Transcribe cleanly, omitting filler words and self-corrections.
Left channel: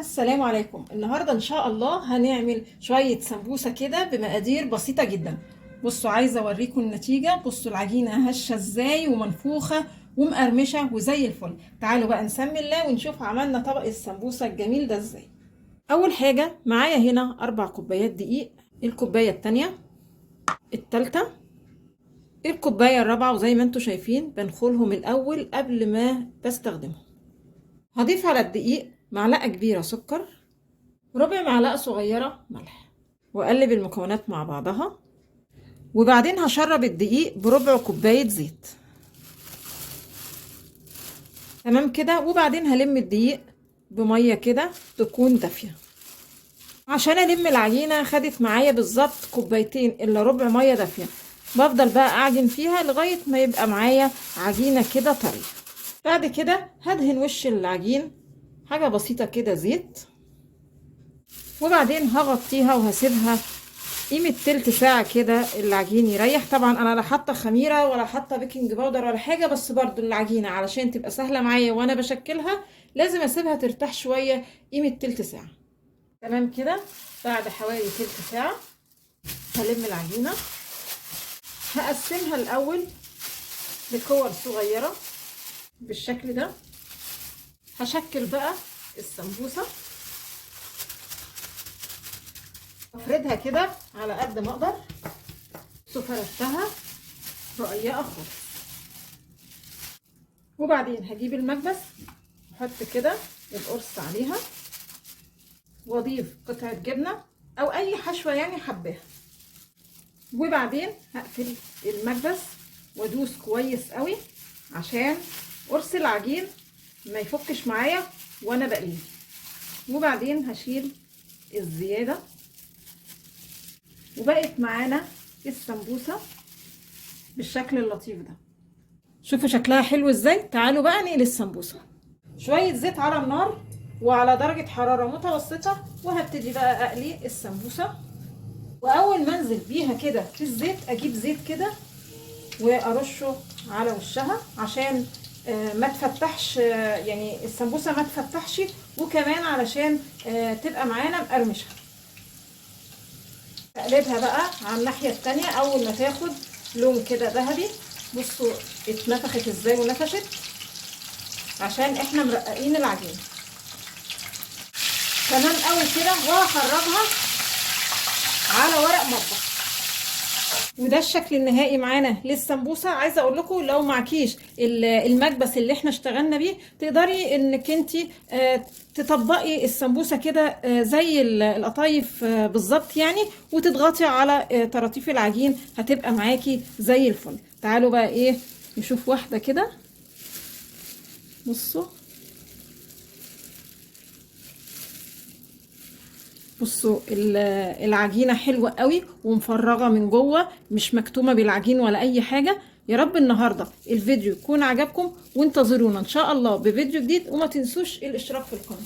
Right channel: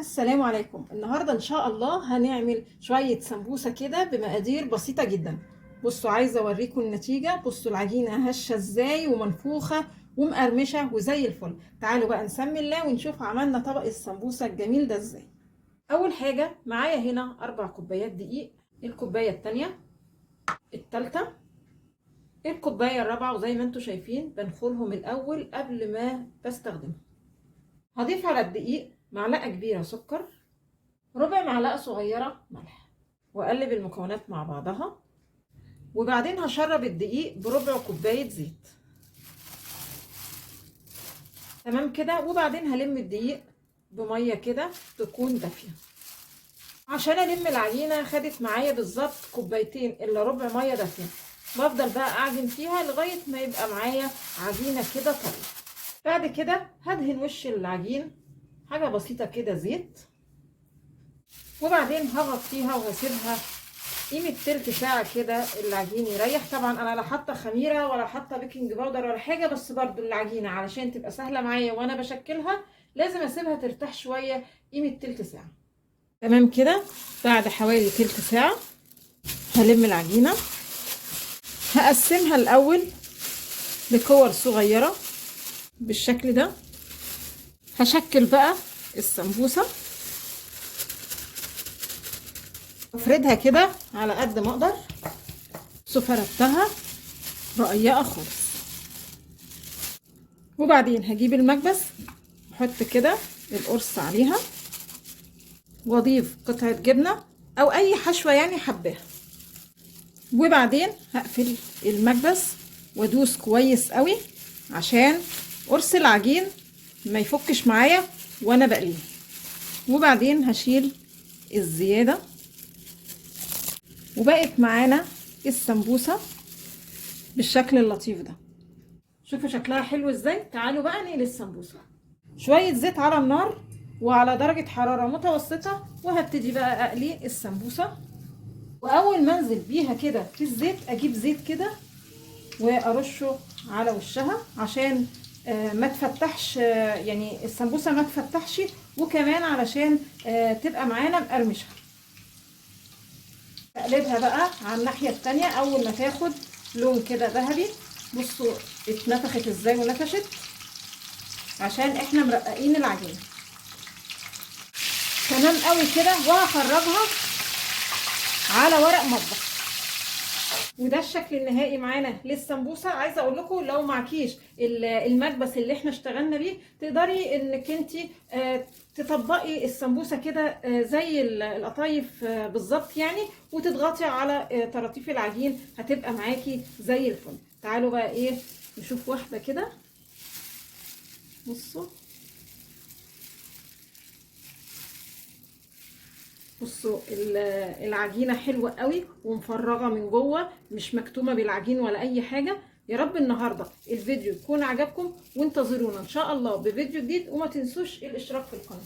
السلام عليكم. النهاردة ان شاء الله هنعمل شوية سمبوسة كده بمقادير بسيطة جدا. بصوا، عايزة اوريكم النتيجة. بصوا العجينة هشة ازاي ومنفوخة ومقرمشة وزي الفل. تعالوا بقى نسمي الله ونشوف عملنا طبق السمبوسة الجميل ده ازاي. اول حاجة معايا هنا 4 كوبايات دقيق، الكوباية التانية، التالتة، الكوباية الرابعة، وزي ما انتوا شايفين بنخلهم الاول قبل ما بستخدمهم. هضيف على الدقيق معلقة كبيرة سكر، ربع معلقة صغيرة ملح، واقلب المكونات مع بعضها. وبعدين هشرب الدقيق بربع كوباية زيت. تمام كده. وبعدين هلم الدقيق بمية كده تكون دافية عشان الم العجينة. خدت معايا بالظبط كوبايتين الا ربع مية دافية. بفضل بقى اعجن فيها لغاية ما يبقى معايا عجينة كده طرية. بعد كده هدهن وش العجين حاجة بسيطة كده زيت، وبعدين هغطيها وهسيبها قيمة تلت ساعة كده العجين يريح. طبعا انا لا حاطة خميرة ولا حاطة بيكنج باودر ولا حاجة، بس برضو العجينة علشان تبقى سهلة معايا وانا بشكلها لازم اسيبها ترتاح شوية قيمة تلت ساعة. تمام كده. بعد حوالي تلت ساعة هلم العجينة، هقسمها الاول لكور صغيرة بالشكل ده. هشكل بقى السمبوسة، افردها كده على قد ما اقدر. فردتها رقيقه خالص. وبعدين هجيب المكبس احط كده القرص عليها، واضيف قطعه جبنه او اي حشوه يعني حباها. وبعدين هقفل المكبس وادوس كويس قوي عشان قرص العجين ما يفكش معايا وانا بقليه. وبعدين هشيل الزياده، وبقت معانا السمبوسه بالشكل اللطيف ده. شوفوا شكلها حلو ازاي. تعالوا بقى نقلي السمبوسه. شويه زيت على النار وعلى درجه حراره متوسطه، وهبتدي بقى اقلي السمبوسه. واول ما انزل بيها كده في الزيت اجيب زيت كده وارشه على وشها عشان ما تفتحش، يعني السمبوسه ما تفتحش، وكمان علشان تبقى معانا مقرمشه. اقلبها بقى على الناحيه التانية. اول ما تاخد لون كده ذهبي، بصوا اتنفخت ازاي ونفشت عشان احنا مرققين العجينه تمام قوي كده. وهخرجها على ورق مطبخ. وده الشكل النهائي معانا للسمبوسه. عايزه اقول لكم لو معكيش المكبس اللي احنا اشتغلنا بيه، تقدري انك انت تطبقي السمبوسه كده زي القطايف بالظبط يعني، وتضغطي على طراطيف العجين هتبقى معاكي زي الفل. تعالوا بقى ايه نشوف واحده كده. بصوا العجينه حلوه قوي ومفرغه من جوه، مش مكتومه بالعجين ولا اي حاجه. يا رب النهارده الفيديو يكون عجبكم، وانتظرونا ان شاء الله بفيديو جديد. وما تنسوش الاشتراك في القناه.